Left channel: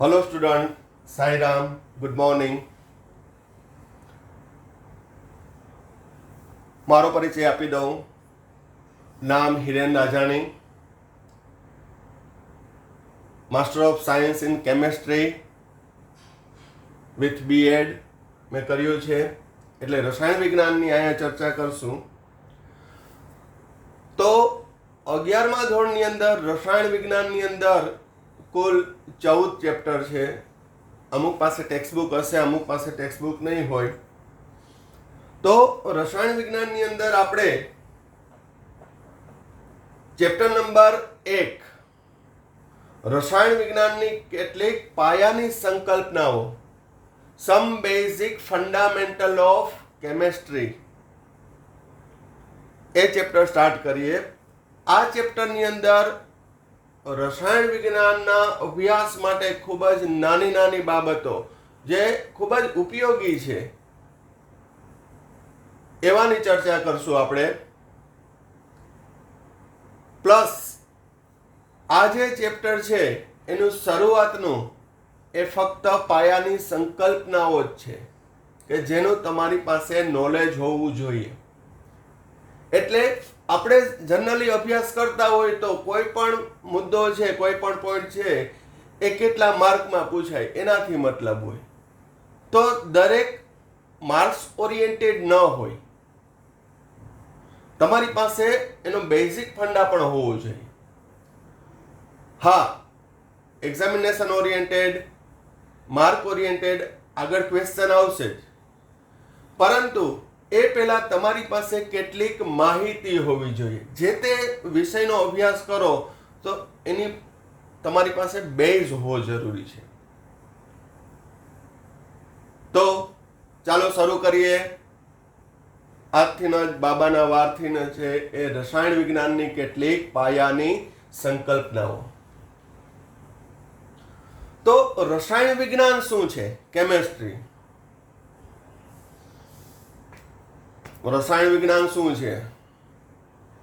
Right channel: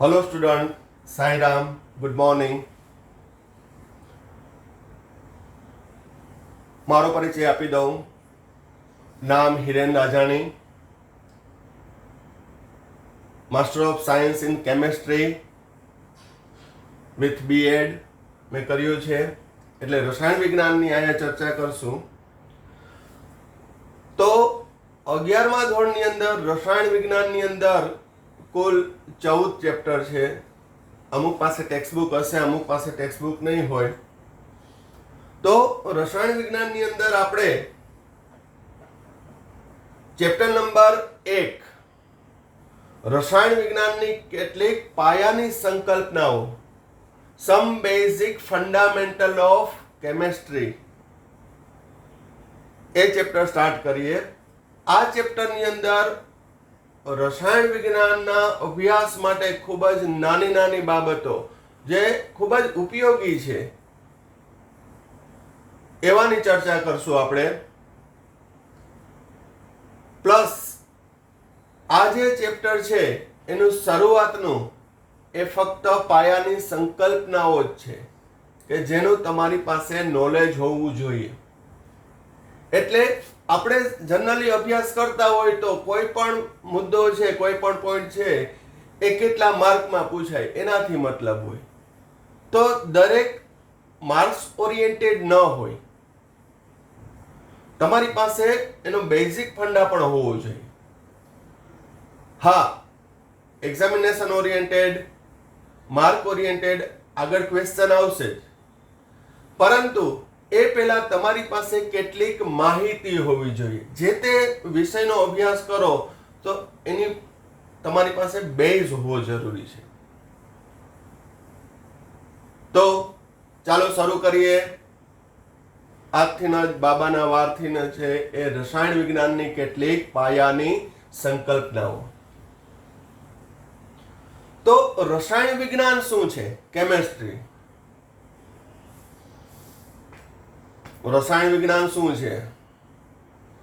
Hello student, Sai Ram, good morning. मारो परिचय आपी दऊं। नाम Hiren Rajani, master of science in chemistry with BEd मैं कर्યું છે, એટલે રસાયણ વિજ્ઞાનની અહીંયા ચર્ચા કરશું। તો 11મા ધોરણની અંદર રસાયણ વિજ્ઞાનની અંદર કુલ 14 ચેપ્ટર છે। અમુક પાસે ટેક્સ્ટ બુક હશે, અમુક પાસે ટેક્સ્ટ બુક નહીં હોય। તો રસાયણ વિજ્ઞાનની અંદર આપણે ચેપ્ટર નંબર 1 રસાયણ વિજ્ઞાનની કેટલીક પાયાની સંકલ્પનાઓ, some basic fundamental of chemistry, એ ચેપ્ટર સ્ટાર્ટ કરીએ। આ ચેપ્ટરની અંદર રસાયણ વિજ્ઞાનના અભ્યાસ માટે ખૂબ જ નાની નાની બાબતો જે ખૂબ જ ઉપયોગી છે એવાની ચર્ચા કરશું આપણે। પ્લસ આ જે ચેપ્ટર છે એનું શરૂઆતનું એ ફક્ત પાયાની સંકલ્પનાઓ જ છે કે જેનું તમારી પાસે નોલેજ હોવું જોઈએ। એટલે આપણે જનરલી અભ્યાસ કરતા હોય તો કોઈ પણ મુદ્દો છે, કોઈ પણ પોઈન્ટ છે એ કેટલા માર્કમાં પૂછાય એનાથી મતલબ હોય। તો દરેક માર્ક્સ ઓરિએન્ટેડ ન હોય, તમારી પાસે એનો બેઝિક ફંડા પણ હોવો જોઈએ। હા, એક્ઝામિનેશન ઓરિએન્ટેડ, માર્ક ઓરિએન્ટેડ આગળ ક્વેશ્ચન આવશે જ, પરંતુ એ પહેલા તમારી પાસે કેટલીક માહિતી હોવી જોઈએ। જે તે વિષયનો અભ્યાસ કરો તો એની તમારી પાસે બેઝ હોવો જરૂરી છે। તો ચાલો શરૂ કરીએ। આજથી જ બાબાના વારથી છે એ રસાયણ વિજ્ઞાનની કેટલીક પાયાની સંકલ્પનાઓ। તો રસાયણ વિજ્ઞાન શું છે? કેમિસ્ટ્રી। રસાયણ વિજ્ઞાન શું છે?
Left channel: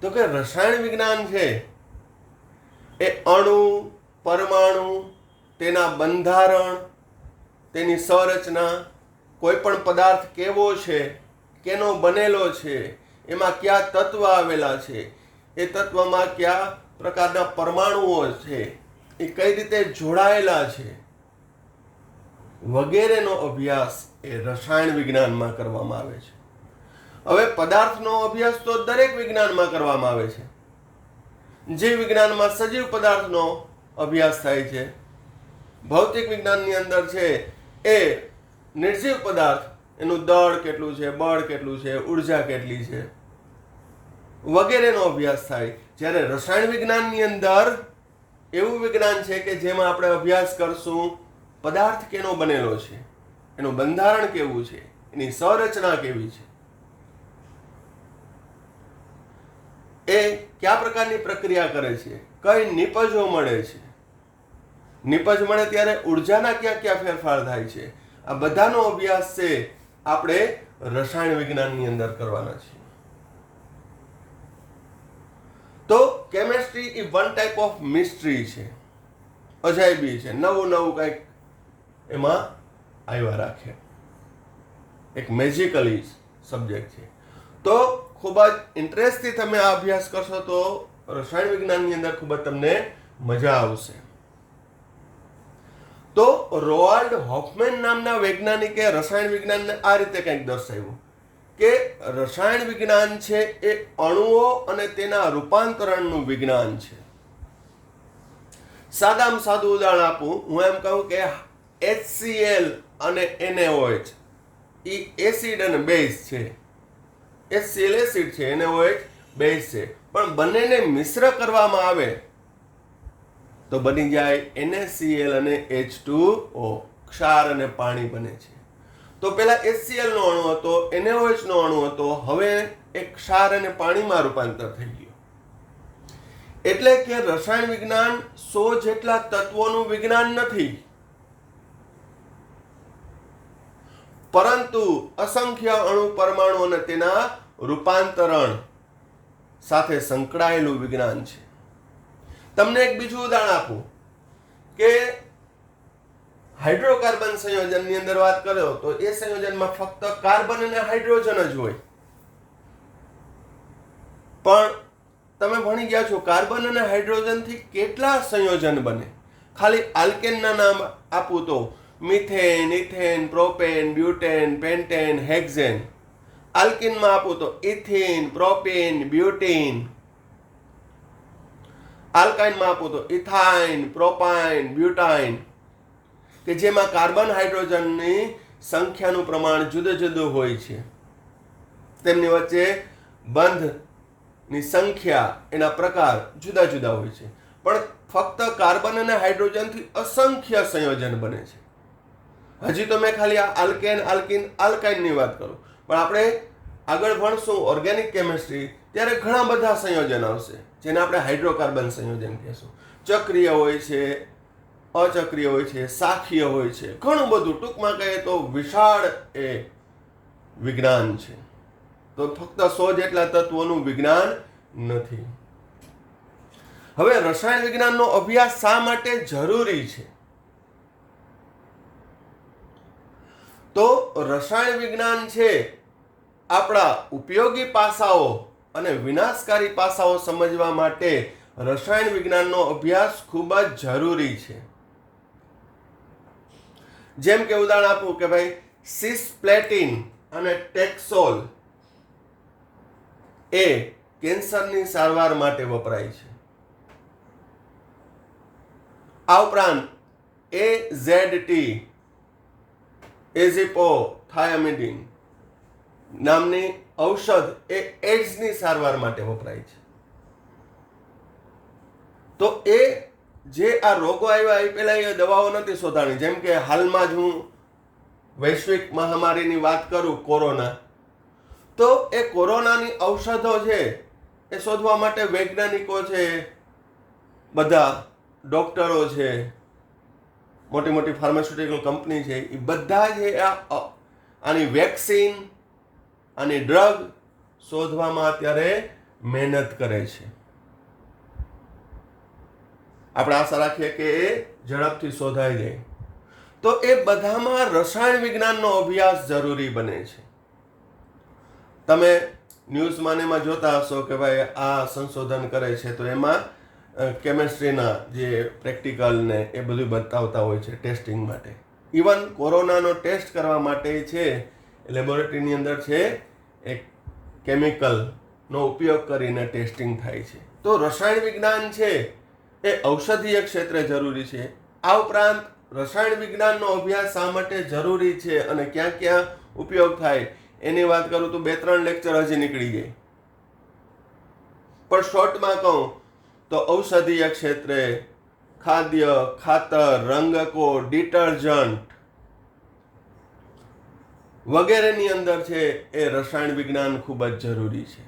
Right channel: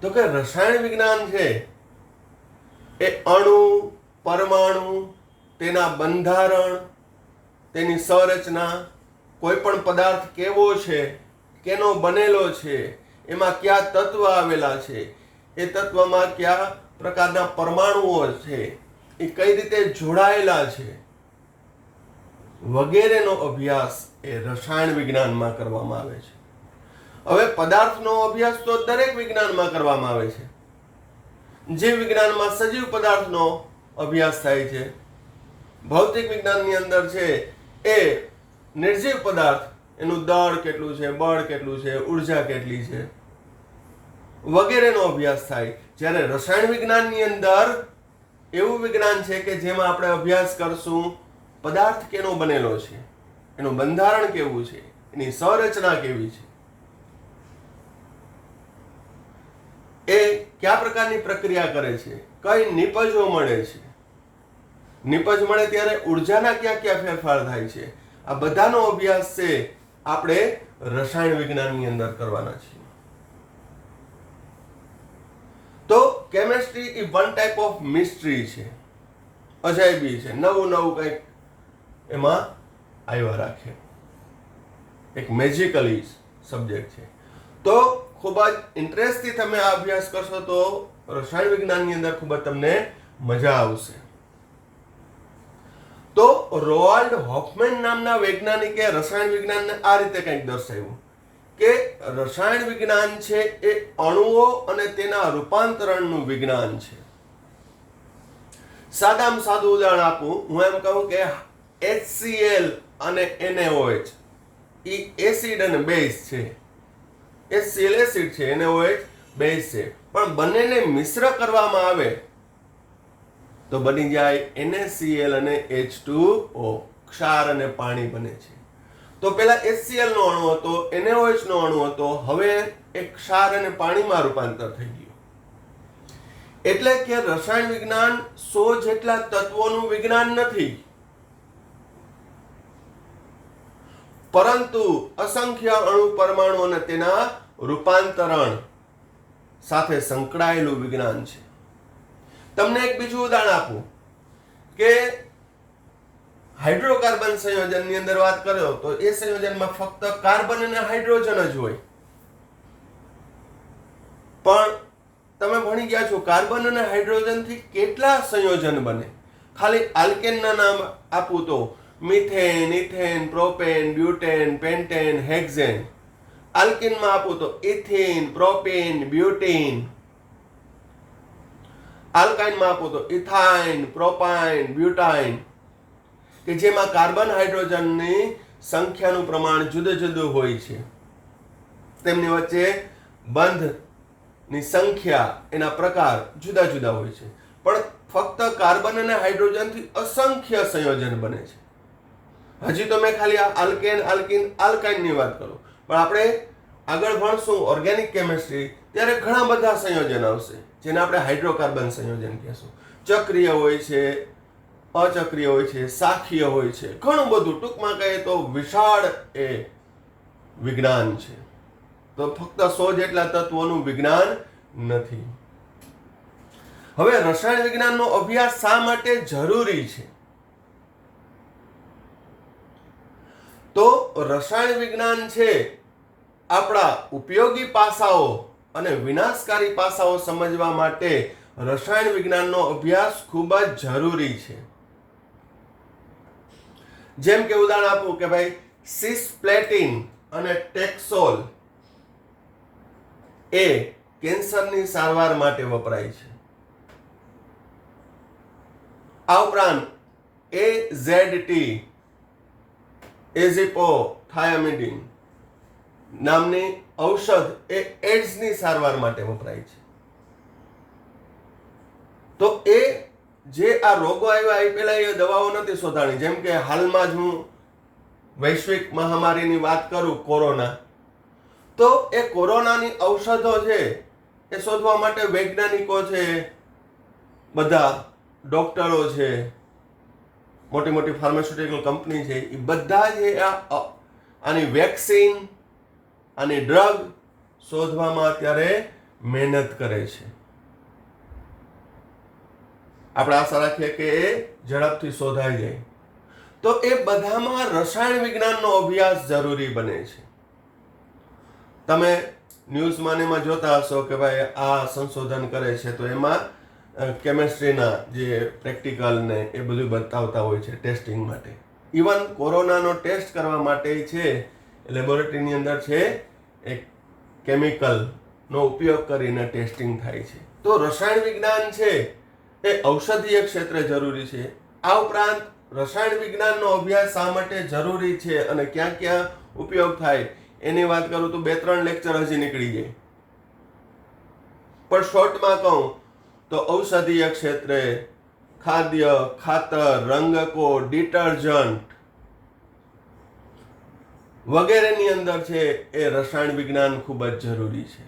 તો કે રસાયણ વિજ્ઞાન છે એ અણુ, પરમાણુ, તેના બંધારણ, તેની સંરચના, કોઈ પણ પદાર્થ કેવો છે, કેનો બનેલો છે, એમાં કયા તત્વ આવેલા છે, એ તત્વમાં કયા પ્રકારના પરમાણુઓ છે, એ કઈ રીતે જોડાયેલા છે, વગેરેનો અભ્યાસ એ રસાયણ વિજ્ઞાનમાં કરવામાં આવે છે। હવે પદાર્થનો અભ્યાસ તો દરેક વિજ્ઞાનમાં કરવામાં આવે છે। જીવ વિજ્ઞાનમાં સજીવ પદાર્થનો અભ્યાસ થાય છે, ભૌતિક વિજ્ઞાનની અંદર છે એ નિર્જીવ પદાર્થ, એનું દળ કેટલું છે, બળ કેટલું છે, ઉર્જા કેટલી છે, વગેરેનો અભ્યાસ થાય। જ્યારે રસાયણ વિજ્ઞાનની અંદર એવું વિજ્ઞાન છે કે જેમાં આપણે અભ્યાસ કરશું પદાર્થ કેનો બનેલો છે, એનું બંધારણ કેવું છે, એની સંરચના કેવી છે, એ કયા પ્રકારની પ્રક્રિયા કરે છે, કઈ નિપજો મળે છે, નિપજ મળે ત્યારે ઉર્જાના કયા કયા ફેરફાર થાય છે, આ બધાનો અભ્યાસ છે આપણે રસાયણ વિજ્ઞાનની અંદર કરવાના છીએ। તો chemistry A one type of mystery છે, અજાયબી છે, નવું નવું કંઈક એમાં આવ્યા રાખે, એક મેજિકલી સબ્જેક્ટ છે। તો ખૂબ જ ઇન્ટરેસ્ટથી તમે આ અભ્યાસ કરશો તો રસાયણ વિજ્ઞાનની અંદર ખૂબ જ તમને મજા આવશે। તો રોઆલ્ડ હોફમેન નામના વૈજ્ઞાનિકે રસાયણ વિજ્ઞાનને આ રીતે કંઈક દર્શાવ્યું કે રસાયણ વિજ્ઞાન છે એ અણુઓ અને તેના રૂપાંતરણનું વિજ્ઞાન છે। સાદામાં સાદું ઉદાહરણ આપું, હું એમ કહું કે HCl અને NaOH એ એસિડ અને બેઝ છે। HCl એસિડ છે, NaOH બેઝ છે, પણ બંનેને મિશ્ર કરવામાં આવે તો બની જાય NaCl અને H2O, ક્ષાર અને પાણી બને છે। તો પેલા HCl નો અણુ હતો, NaOH નો અણુ હતો, હવે એક ક્ષાર અને પાણીમાં રૂપાંતર થઈ ગયું। એટલે કે રસાયણ વિજ્ઞાન 100 જેટલા તત્વોનું વિજ્ઞાન નથી, પરંતુ અસંખ્ય અણુ, પરમાણુ અને તેના રૂપાંતરણ સાથે સંકળાયેલું વિજ્ઞાન છે। તમને એક બીજું ઉદાહરણ આપું કે હાઇડ્રોકાર્બન સંયોજનની અંદર વાત કરો તો એ સંયોજનમાં ફક્ત કાર્બન અને હાઇડ્રોજન જ હોય. પણ તમે ભણી ગયા છો કાર્બન અને હાઇડ્રોજન થી કેટલા સંયોજન બને. ખાલી આલ્કેનના નામ આપું તો methane, ethane, propane, butane, pentane, hexane. આલ્કીનમાં આપું તો ઇથિન, પ્રોપેન, બ્યુટીન. આલ્કાઇનમાં આપું તો ઇથાઇન, પ્રોપાઇન, બ્યુટાઇન, કે જેમાં કાર્બન હાઇડ્રોજનની સંખ્યાનું પ્રમાણ જુદું જુદું હોય છે. તેમની વચ્ચે બંધની સંખ્યા, એના પ્રકાર જુદા જુદા હોય છે. પણ ફક્ત કાર્બન અને હાઇડ્રોજનથી અસંખ્ય સંયોજન બને છે. હજી તો મેં ખાલી આ આલ્કેન, આલ્કીન, આલ્કાઇનની વાત કરું, પણ આપણે આગળ ભણશું ઓર્ગેનિક કેમિસ્ટ્રી ત્યારે ઘણા બધા સંયોજન આવશે જેને આપણે હાઇડ્રોકાર્બન સંયોજન કહેશું. ચક્રીય હોય છે, અચક્રીય હોય છે, શાખીય હોય છે, ઘણું બધું. ટૂંકમાં કહીએ તો વિશાળ એ વિજ્ઞાન છે. તો ફક્ત 100 જેટલા તત્વોનું વિજ્ઞાન નથી. હવે રસાયણ વિજ્ઞાનનો અભ્યાસ શા માટે જરૂરી છે? તો રસાયણ વિજ્ઞાન છે આપણા ઉપયોગી પાસાઓ અને વિનાશકારી પાસાઓ સમજવા માટે રસાયણ વિજ્ઞાનનો અભ્યાસ ખૂબ જ જરૂરી છે. જેમ કે ઉદાહરણ આપું કે ભાઈ સિસ્પ્લેટિન અને ટેક્સોલ એ કેન્સરની સારવાર માટે વપરાય છે. આ ઉપરાંત AZT એઝિપોથાયામિડિન નામની ઔષધ એ એડ્સની સારવાર માટે વપરાય છે. તો એ જે આ રોગો આવ્યા એ પહેલા એ દવાઓ નથી શોધાણી. જેમ કે હાલમાં જ હું વૈશ્વિક મહામારીની વાત કરું, કોરોના, તો એ કોરોનાની ઔષધો છે એ શોધવા માટે વૈજ્ઞાનિકો છે, બધા ડોક્ટરો છે, મોટી મોટી ફાર્માસ્યુટિકલ કંપની છે, એ બધા જે આની વેક્સિન, આની ડ્રગ શોધવામાં અત્યારે મહેનત કરે છે. આપણે આશા રાખીએ કે એ ઝડપથી શોધાઈ જાય. તો એ બધામાં રસાયણ વિજ્ઞાનનો અભ્યાસ જરૂરી બને છે. તમે ન્યૂઝમાં એમાં જોતા હશો કે ભાઈ આ સંશોધન કરે છે, તો એમાં કેમેસ્ટ્રીના જે પ્રેક્ટિકલ ને એ બધું બતાવતા હોય છે ટેસ્ટિંગ માટે. ઇવન કોરોનાનો ટેસ્ટ કરવા માટે છે લેબોરેટરીની અંદર છે એક કેમિકલનો ઉપયોગ કરીને ટેસ્ટિંગ થાય છે. તો રસાયણ વિજ્ઞાન છે એ ઔષધીય ક્ષેત્રે જરૂરી છે. આ ઉપરાંત રસાયણ વિજ્ઞાનનો અભ્યાસ શા માટે જરૂરી છે અને ક્યાં ક્યાં ઉપયોગ થાય એની વાત કરું તો 2-3 લેક્ચર હજી નીકળી જાય. પણ શોર્ટમાં કહું તો ઔષધીય ક્ષેત્રે ખાદ્ય, ખાતર, રંગકો, ડિટર્જન્ટ વગેરેની અંદર છે એ રસાયણ વિજ્ઞાન ખૂબ જ જરૂરી છે.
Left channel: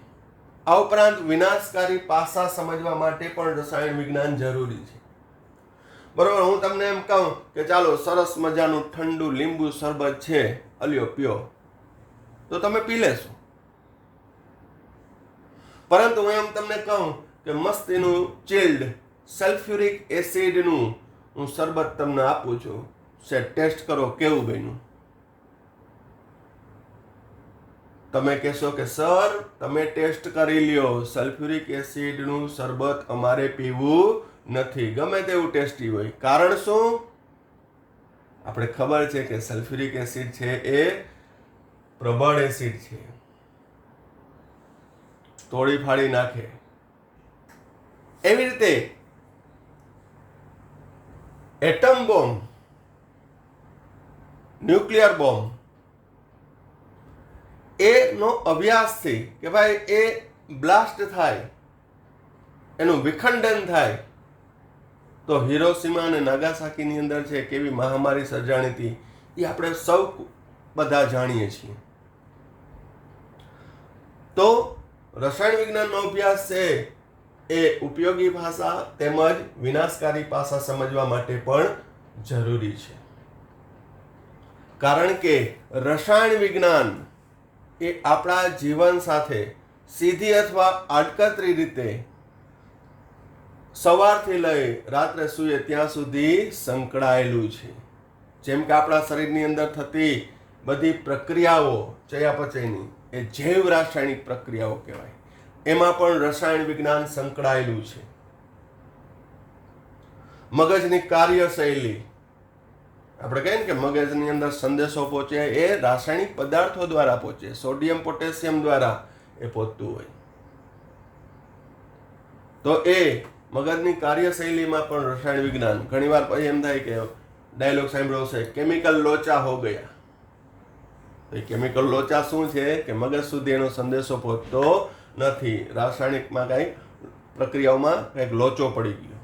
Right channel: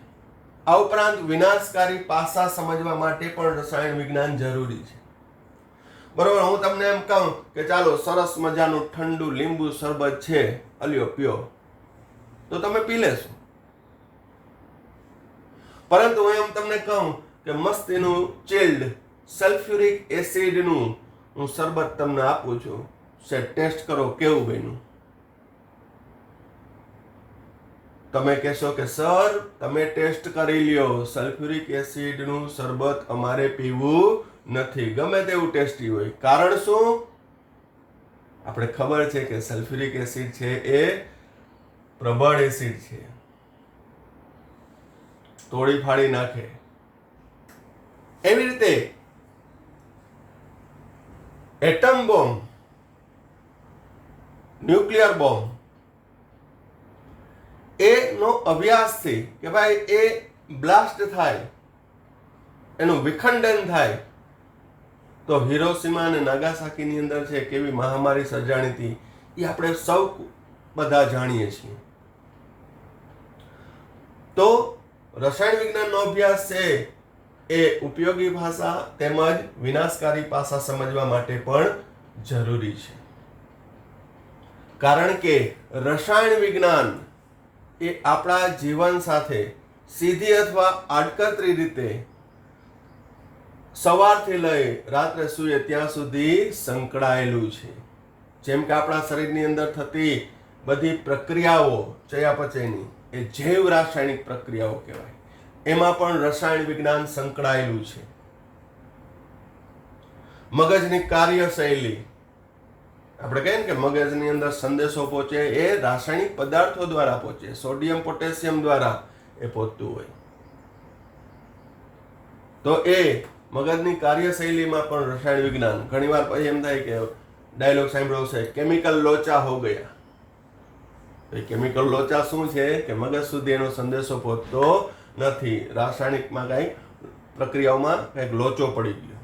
આ ઉપરાંત વિનાશકારી પાસા સમજવા માટે પણ રસાયણ વિજ્ઞાન જરૂરી છે. બરોબર, હું તમને એમ કહું કે ચાલો સરસ મજાનું ઠંડુ લીંબુ શરબત છે, અલ્યો પીઓ, તો તમે પી લેશો. પરંતુ હું એમ તમને કહું કે મસ્તીનું ચિલ્ડ સલ્ફ્યુરિક એસિડનું હું શરબત તમને આપું છું, ટેસ્ટ કરો કેવું બન્યું. તમે કહેશો કે સર તમે ટેસ્ટ કરી લ્યો, સલ્ફ્યુરિક એસિડનું શરબત અમારે પીવું નથી, ગમે તેવું ટેસ્ટી હોય. કારણ શું? આપણે ખબર છે કે સલ્ફ્યુરિક એસિડ છે એ પ્રબળ એસિડ છે, તોડી ફાડી નાખે. એવી રીતે એટમ બોમ્બ, ન્યુક્લિયર બોમ્બ એનો અભ્યાસથી કે ભાઈ એ બ્લાસ્ટ થાય, એનું વિખંડન થાય, તો હિરોશીમા અને નાગાસાકીની અંદર છે કેવી મહામારી સર્જાણી હતી એ આપણે સૌ બધા જાણીએ છીએ. તો રસાયણ વિજ્ઞાનનો અભ્યાસ છે એ ઉપયોગી ભાષા તેમજ વિનાશકારી પાસા સમજવા માટે પણ જરૂરી છે. કારણ કે રસાયણ વિજ્ઞાન એ આપણા જીવન સાથે સીધી અથવા આડકતરી રીતે સવારથી લઈ રાત્રે સૂઈએ ત્યાં સુધી સંકળાયેલું છે. જેમ કે આપણા શરીરની અંદર થતી બધી પ્રક્રિયાઓ ચયાપચયની એ જૈવ રાસાયણિક પ્રક્રિયાઓ કહેવાય. એમાં પણ રસાયણ વિજ્ઞાન સંકળાયેલું છે. મગજની કાર્યશૈલી, આપણે કહીએ ને કે મગજની અંદર સંદેશો પહોંચે એ રાસાયણિક પદાર્થો દ્વારા પહોંચે, સોડિયમ પોટેશિયમ દ્વારા એ પહોંચતું હોય. તો એ મગજની કાર્યશૈલીમાં પણ રસાયણ વિજ્ઞાન, ઘણીવાર પછી એમ થાય કે ડાયલોગ સાંભળ્યો છે, કેમિકલ લોચા હો ગયા. એ કેમિકલ લોચા શું છે કે મગજ સુધી એનો સંદેશો પહોંચતો નથી, રાસાયણિકમાં કંઈક પ્રક્રિયાઓમાં કંઈક લોચો પડી ગયો.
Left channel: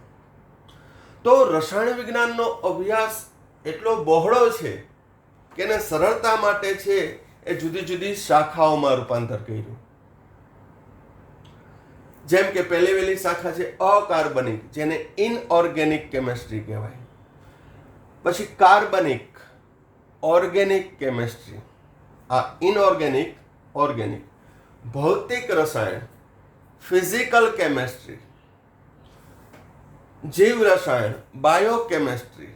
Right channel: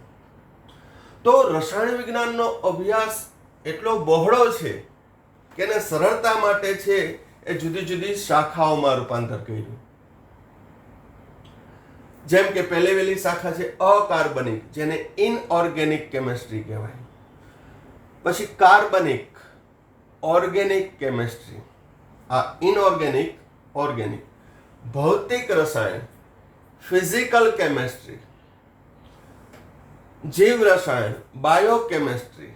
તો રસાયણ વિજ્ઞાનનો અભ્યાસ એટલો બહોળો છે કે એને સરળતા માટે છે એ જુદી જુદી શાખાઓમાં રૂપાંતર કર્યું. જેમ કે પહેલી વહેલી શાખા છે અકાર્બનિક, જેને ઇનઓર્ગેનિક કેમિસ્ટ્રી કહેવાય. પછી કાર્બનિક, ઓર્ગેનિક કેમિસ્ટ્રી. આ ઇનઓર્ગેનિક, ઓર્ગેનિક, ભૌતિક રસાયણ, ફિઝિકલ કેમિસ્ટ્રી, જીવ રસાયણ, બાયોકેમિસ્ટ્રી,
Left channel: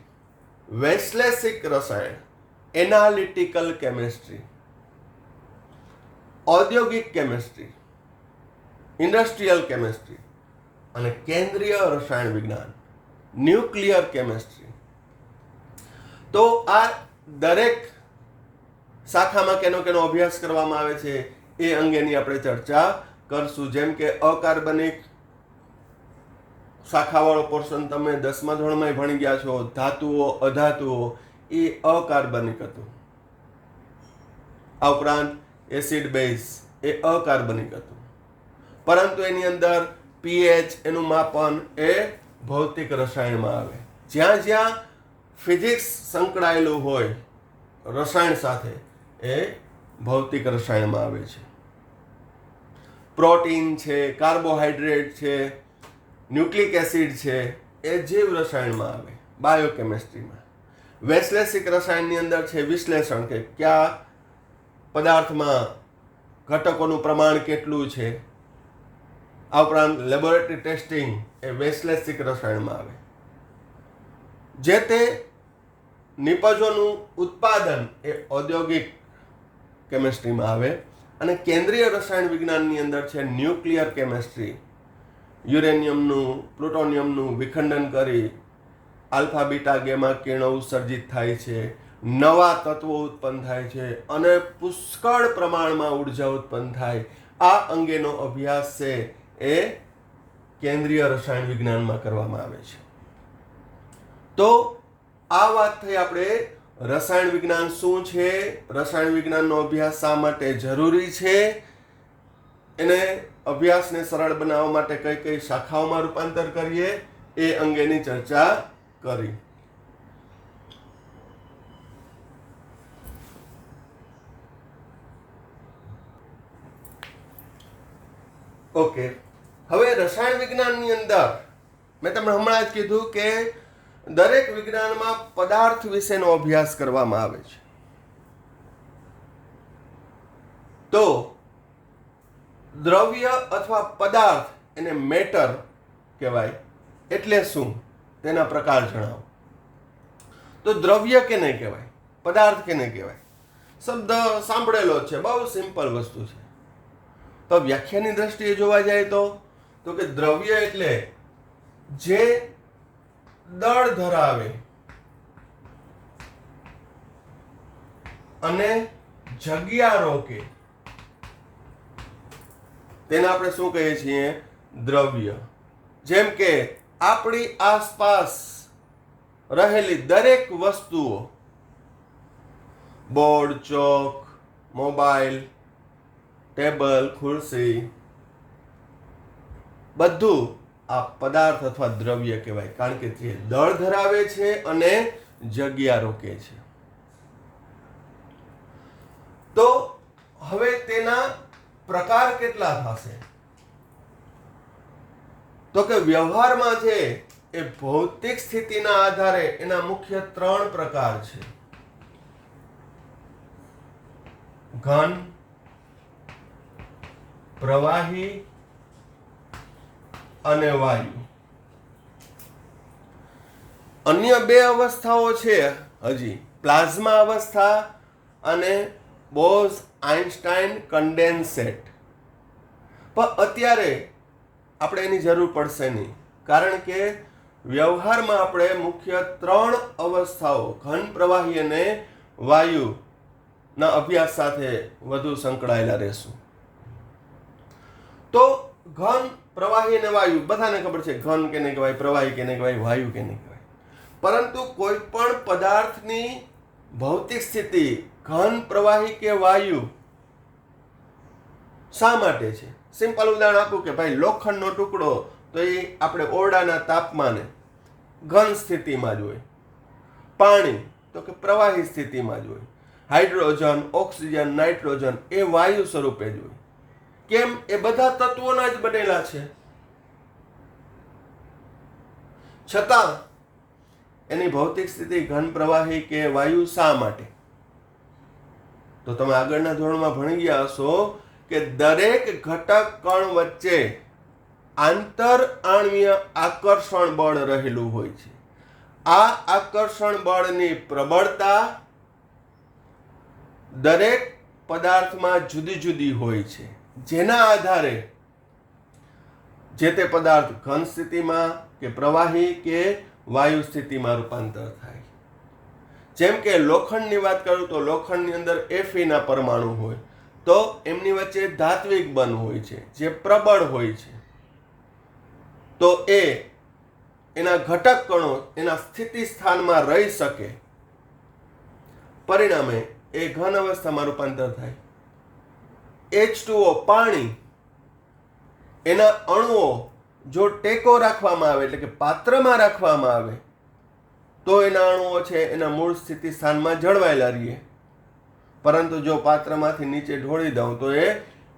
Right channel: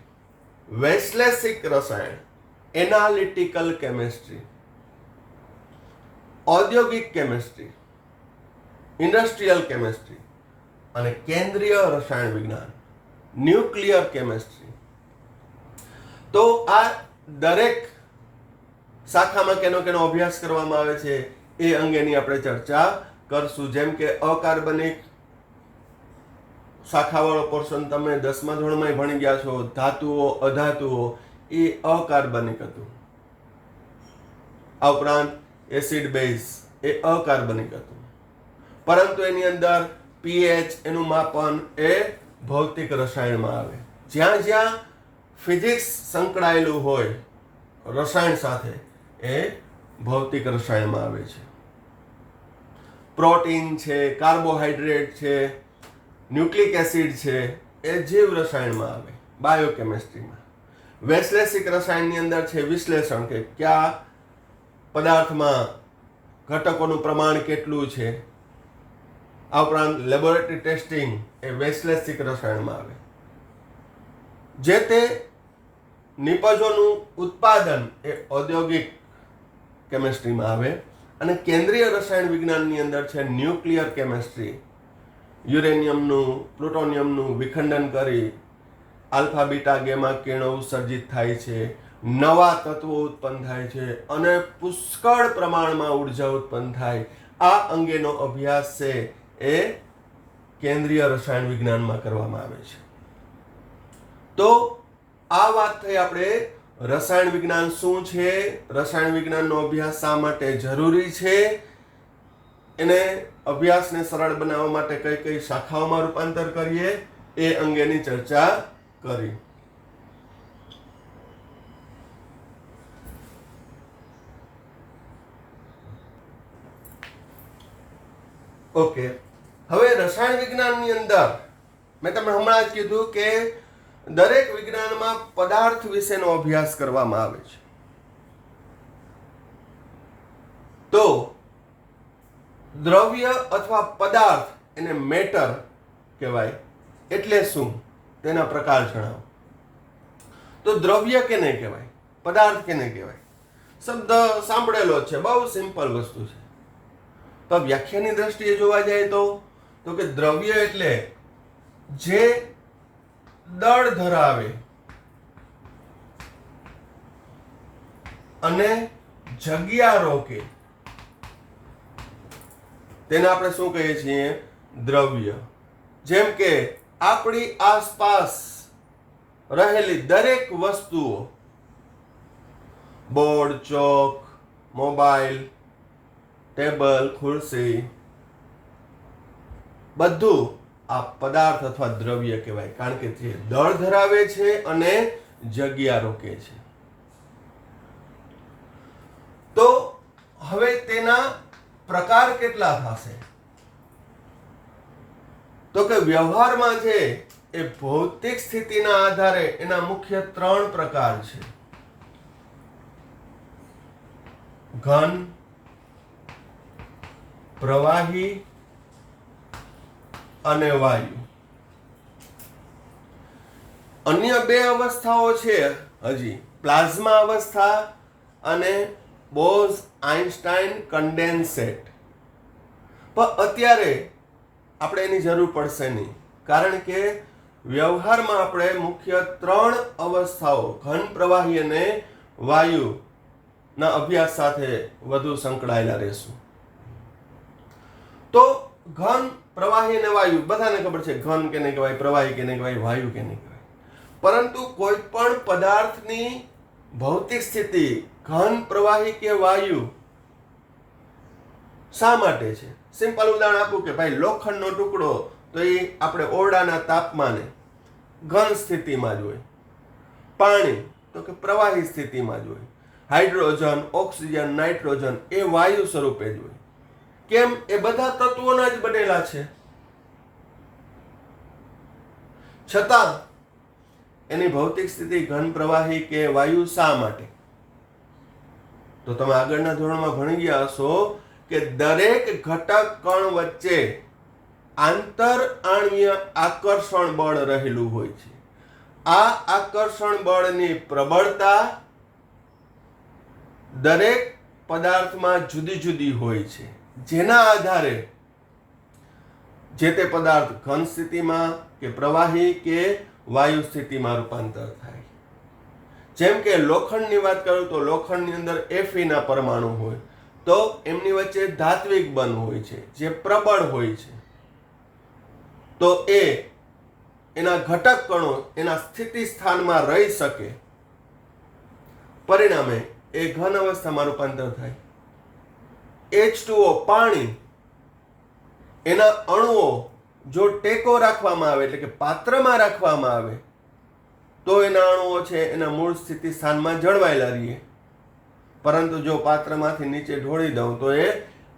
વૈશ્લેષિક રસાયણ, એનાલિટિકલ કેમિસ્ટ્રી, ઔદ્યોગિક કેમિસ્ટ્રી, ઇન્ડસ્ટ્રીયલ કેમિસ્ટ્રી અને કેન્દ્રીય રસાયણ વિજ્ઞાન, ન્યુક્લિયર કેમિસ્ટ્રી. તો આ દરેક શાખામાં કેનો અભ્યાસ કરવામાં આવે છે એ અંગેની આપણે ચર્ચા કરશું. જેમ કે અકાર્બનિક શાખાવાળો પોર્શન તમે 10મા ધોરણમાં ભણી ગયા છો, ધાતુઓ, અધાતુઓ, એ અકાર્બનિક હતું. આ ઉપરાંત એસિડ બેઝ એ અકાર્બનિક હતું, પરંતુ એની અંદર પીએચ, એનું માપન એ ભૌતિક રસાયણમાં આવે. જ્યાં જ્યાં ફિઝિક્સ સંકળાયેલું હોય રસાયણ સાથે એ ભૌતિક રસાયણમાં આવે છે. પ્રોટીન છે, કાર્બોહાઈડ્રેટ છે, ન્યુક્લિક એસિડ છે, એ જીવ રસાયણમાં આવે, બાયોકેમિસ્ટ્રીમાં. વૈશ્લેષિક રસાયણની અંદર છે વિશ્લેષણ, કે કયા પદાર્થમાં ઘટકોનું પ્રમાણ કેટલું છે. આ ઉપરાંત લેબોરેટરી ટેસ્ટિંગ એ વૈશ્લેષિક રસાયણમાં આવે. જે તે નિપજોનું ઉત્પાદન એ ઔદ્યોગિક કેમિસ્ટ્રીમાં આવે. અને કેન્દ્રીય રસાયણ વિજ્ઞાનની અંદર છે ન્યુક્લિયર કેમિસ્ટ્રી. યુરેનિયમનું, પ્લુટોનિયમનું વિખંડન કરી આલ્ફા, બીટા, ગેમા કિરણો ઉત્સર્જિત થાય છે, નવા તત્વો ઉત્પન્ન થાય છે અને પુષ્કળ પ્રમાણમાં ઉર્જા ઉત્પન્ન થાય. આ અંગેનો અભ્યાસ છે એ કેન્દ્રીય રસાયણ વિજ્ઞાનમાં કરવામાં આવે છે. તો આ વાત થઈ આપણે રસાયણ વિજ્ઞાન શું છે, રસાયણ વિજ્ઞાનનો અભ્યાસ શા માટે જરૂરી છે, એને અભ્યાસને સરળ બનાવવા માટે કઈ કઈ શાખાઓમાં રૂપાંતર કરીએ એ અંગેની ચર્ચા કરી. ઓકે, હવે રસાયણ વિજ્ઞાનની અંદર મેં તમને હમણાં જ કીધું કે દરેક વિજ્ઞાનમાં પદાર્થ વિશેનો અભ્યાસ કરવામાં આવે છે. તો દ્રવ્ય અથવા પદાર્થ એને મેટર કહેવાય. એટલે શું, તેના પ્રકાર જણાવો. તો દ્રવ્ય કેને કહેવાય, પદાર્થ કેને કહેવાય? શબ્દ સાંભળેલો છે, બહુ સિમ્પલ વસ્તુ છે. તો વ્યાખ્યાની દ્રષ્ટિએ જોવા જાય તો કે દ્રવ્ય એટલે જે દળ ધરાવે અને જગ્યા રોકે તેને આપણે શું કહીએ છીએ? દ્રવ્ય. જેમ કે આપણી આસપાસ રહેલી દરેક વસ્તુઓ, બોર્ડ, ચોક, મોબાઈલ, ટેબલ, ખુરશી, બધું આ પદાર્થ અથવા દ્રવ્ય કહેવાય, કારણ કે તે દળ ધરાવે છે અને જગ્યા રોકે છે. તો હવે તેના પ્રકાર કેટલા થશે? તો કે વ્યવહારમાં છે એ ભૌતિક સ્થિતિના આધારે એના મુખ્ય 3 પ્રકાર છે: ઘન, પ્રવાહી અને વાયુ. અન્ય 2 અવસ્થાઓ છે હજી, પ્લાઝમા અવસ્થા અને બોઝ આઇન્સ્ટાઇન કન્ડેન્સેટ. પણ અત્યારે આપણે એની જરૂર પડશે નહીં, કારણ કે વ્યવહારમાં આપણે મુખ્ય 3 અવસ્થાઓ ઘન, પ્રવાહી અને વાયુના અભ્યાસ સાથે વધુ સંકળાયેલા રહેશું. તો ઘન, પ્રવાહી અને વાયુ બધાને ખબર છે, ઘન કેને કહેવાય, પ્રવાહી કેને કહેવાય, વાયુ કેને કહેવાય. પરંતુ કોઈ પણ પદાર્થની ભૌતિક સ્થિતિ ઘન, પ્રવાહી કે વાયુ શા માટે છે? સિમ્પલ ઉદાહરણ આપું કે ભાઈ લોખંડનો ટુકડો તો એ આપણે ઓરડાના તાપમાને ઘન સ્થિતિમાં જ હોય. પાણી તો કે પ્રવાહી સ્થિતિમાં જ હોય. હાઇડ્રોજન, ઓક્સિજન, નાઇટ્રોજન એ વાયુ સ્વરૂપે જ હોય. કેમ? એ બધા તત્વોના જ બનેલા છે. છતાં એની ભૌતિક સ્થિતિ ઘન, પ્રવાહી કે વાયુ શા માટે? તો તમે આગળના ધોરણમાં ભણી ગયા હશો કે દરેક ઘટક કણ વચ્ચે આંતર આણ્વીય આકર્ષણ બળ રહેલું હોય છે. આ આકર્ષણ બળની પ્રબળતા દરેક પદાર્થમાં જુદી જુદી હોય છે, જેના આધારે જે તે પદાર્થ ઘન સ્થિતિમાં કે પ્રવાહી કે વાયુ સ્થિતિમાં રૂપાંતર થાય. જેમ કે લોખંડની વાત કરું તો લોખંડની અંદર Fe ના પરમાણુ હોય, તો એમની વચ્ચે ધાત્વિક બંધ હોય છે જે પ્રબળ હોય છે. તો એના ઘટક કણો એના સ્થિતિ સ્થાનમાં રહી શકે, પરિણામે એ ઘન અવસ્થામાં રૂપાંતર થાય. H2O પાણી, એના અણુઓ જો ટેકો રાખવામાં આવે, એટલે કે પાત્રમાં રાખવામાં આવે, તો એના અણુઓ છે એના મૂળ સ્થિતિ સ્થાનમાં જળવાયેલા રહીએ. પરંતુ જો પાત્રમાંથી નીચે ઢોળી દઉં તો એ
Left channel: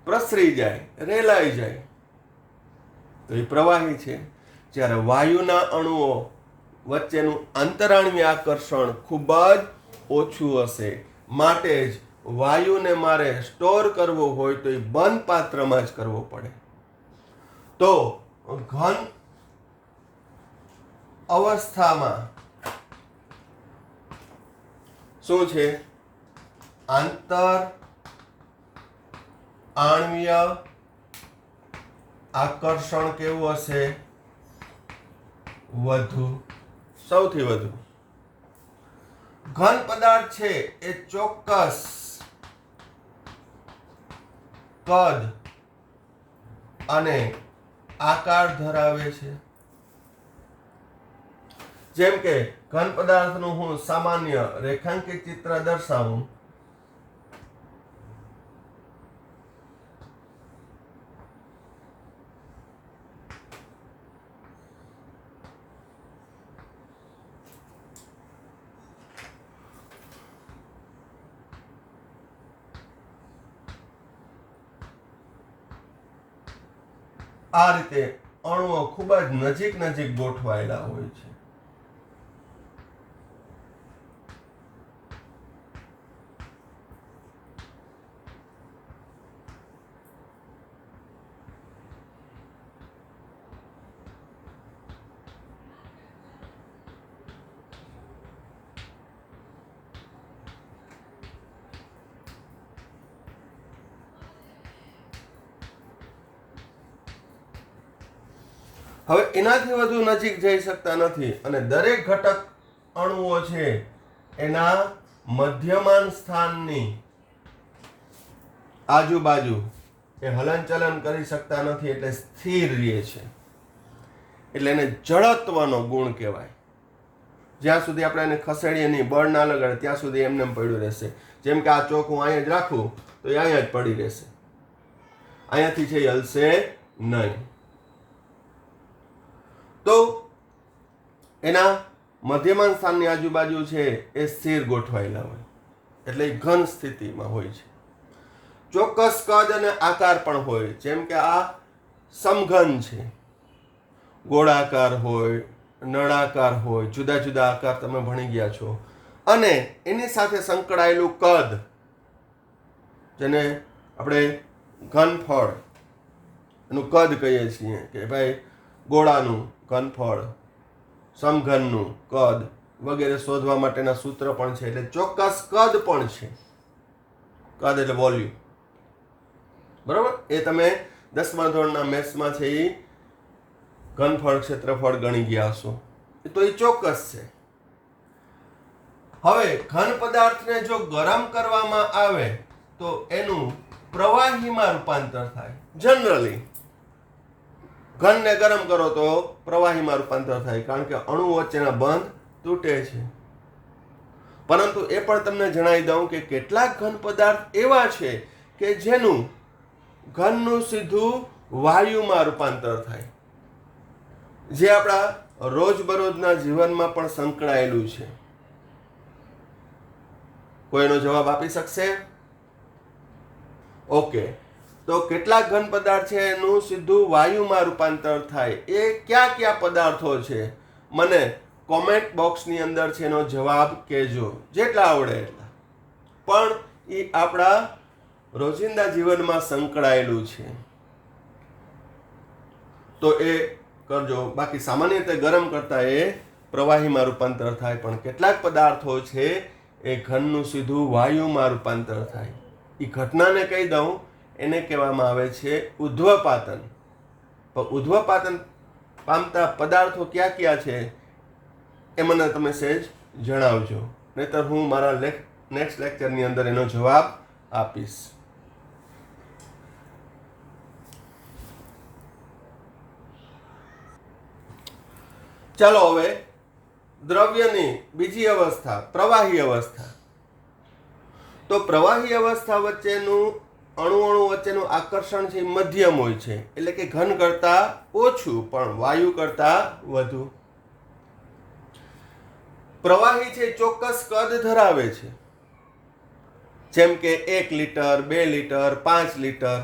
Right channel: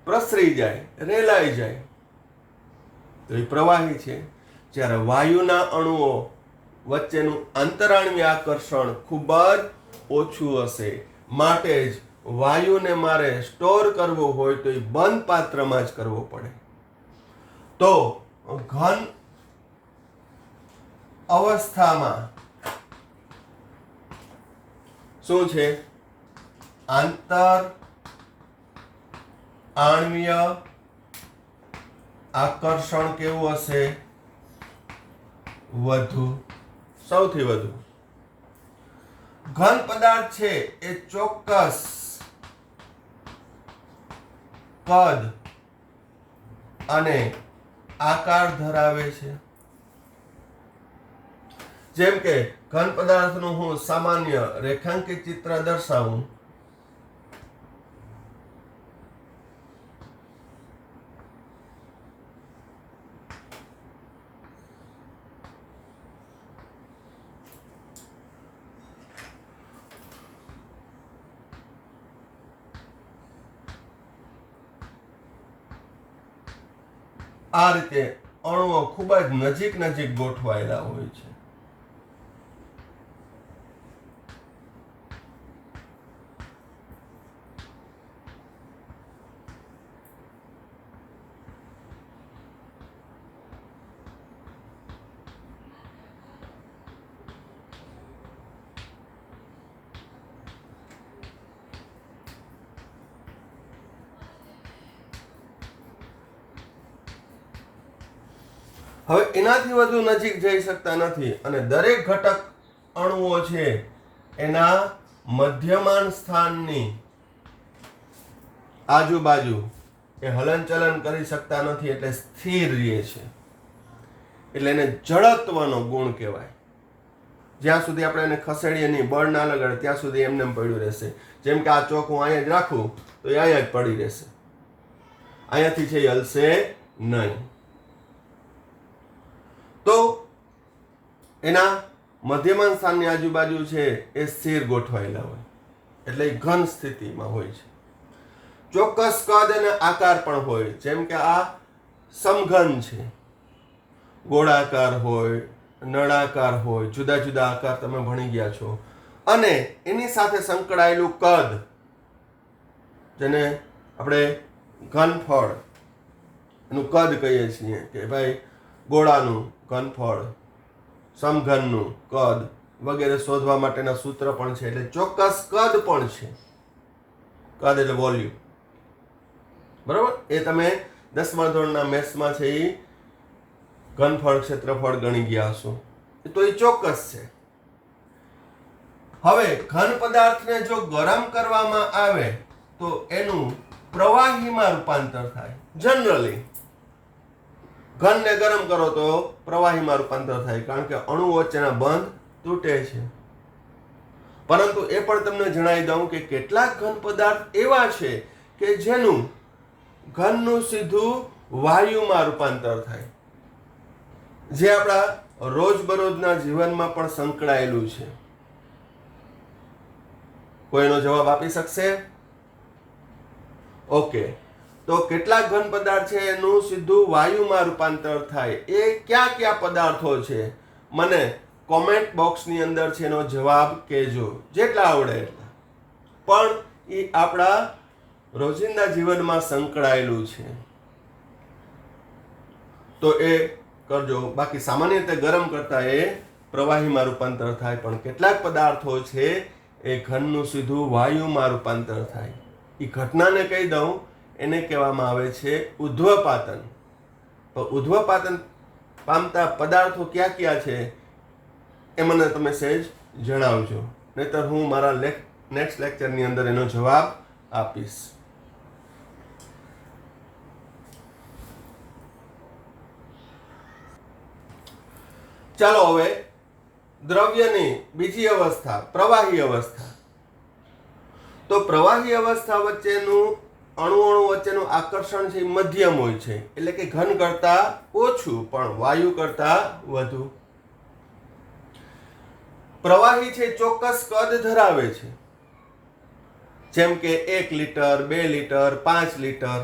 પ્રસરી જાય, રેલાઈ જાય, તો એ પ્રવાહી છે. જ્યારે વાયુના અણુઓ વચ્ચેનું આંતરાણ્વીય આકર્ષણ ખૂબ જ ઓછું હશે, માટે જ વાયુને મારે સ્ટોર કરવો હોય તો એ બંધ પાત્રમાં જ કરવો પડે. તો ઘન અવસ્થામાં શું છે? આંતર આણ્વીય આકર્ષણ કેવું હશે? વધુ, સૌથી વધુ. ઘન પદાર્થ છે એ ચોક્કસ કદ અને આકાર ધરાવે છે. જેમ કે ઘન પદાર્થનું હું સામાન્ય રેખાંકિત ચિત્ર દર્શાવું આ રીતે અણુઓ ખૂબ જ નજીક નજીક ગોઠવાયેલા હોય છે. હવે એનાથી વધુ નજીક જઈ શકતા નથી અને દરેક ઘટક અણુઓ છે એના મધ્યમાન સ્થાનની આજુબાજુ એ હલનચલન કરી શકતા નથી, એટલે સ્થિર રહે છે. એટલે એને જડત્વનો ગુણ કહેવાય. જ્યાં સુધી આપણે એને ખસેડીએ નહીં, બળ ના લગાડે, ત્યાં સુધી એમને પડ્યું રહેશે. જેમ કે આ ચોક હું અહીંયા જ રાખું તો એ અહીંયા જ પડી રહેશે, અહીંયાથી છે એ હલશે નહીં. તો એના મધ્યમાન સ્થાનની આજુબાજુ છે એ સ્થિર ગોઠવાયેલા હોય, એટલે એ ઘન સ્થિતિમાં હોય છે. ચોક્કસ કદ અને આકાર પણ હોય. જેમ કે આ સમઘન છે, ગોળાકાર હોય, નળાકાર હોય, જુદા જુદા આકાર તમે ભણી ગયા છો. અને એની સાથે સંકળાયેલું કદ, જેને આપણે ઘનફળ એનું કદ કહીએ છીએ કે ભાઈ ગોળાનું ઘનફળ, સમઘનનું કદ, વગેરે શોધવા માટેના સૂત્ર પણ છે. એટલે ચોક્કસ કદ પણ છે. કદ એટલે વોલ્યુમ. બરાબર? એ તમે 10મા ધોરણના મેથ્સમાં છે એ ઘનફળ ક્ષેત્રફળ ગણી ગયા હશો. તો એ ચોક્કસ છે. હવે ઘન પદાર્થને જો ગરમ કરવામાં આવે તો એનું પ્રવાહીમાં રૂપાંતર થાય. જનરલી ઘનને ગરમ કરો તો પ્રવાહીમાં રૂપાંતર થાય, કારણ કે અણુ વચ્ચેના બંધ તૂટે છે. પરંતુ એ પણ તમને જણાવી દઉં કે કેટલાક ઘન પદાર્થ એવા છે કે જેનું ઘનનું સીધું વાયુમાં રૂપાંતર થાય, જે આપણા રોજબરોજના જીવનમાં પણ સંકળાયેલું છે. કોઈનો જવાબ આપી શકશે? ઓકે, તો કેટલાક ઘન પદાર્થ છે એનું સીધું વાયુમાં રૂપાંતર થાય. એ કયા કયા પદાર્થો છે? મને કોમેન્ટ બોક્સની અંદર છે એનો જવાબ કહેજો, જેટલા આવડે એટલા. પણ એ આપણા રોજિંદા જીવનમાં સંકળાયેલું છે તો એ કરજો. બાકી સામાન્ય રીતે ગરમ કરતા એ પ્રવાહીમાં રૂપાંતર થાય, પણ કેટલાક પદાર્થો છે એ ઘનનું સીધું વાયુમાં રૂપાંતર થાય. એ ઘટનાને કહી દઉં, એને કહેવામાં આવે છે ઉધ્વપાતન. તો ઉધ્વપાતન પામતા પદાર્થો કયા કયા છે એ મને તમે સહેજ જણાવજો, નહીતર હું મારા નેક્સ્ટ લેક્ચરની અંદર એનો જવાબ આપીશ. ચાલો હવે દ્રવ્યની બીજી અવસ્થા, પ્રવાહી અવસ્થા. તો પ્રવાહી અવસ્થા વચ્ચેનું અણુ વચ્ચેનું આકર્ષણ છે મધ્યમ હોય છે, એટલે કે ઘન કરતા ઓછું પણ વાયુ કરતા વધુ. પ્રવાહી છે ચોક્કસ કદ ધરાવે છે, જેમ કે 1 litre, 2 litre, 5 litre,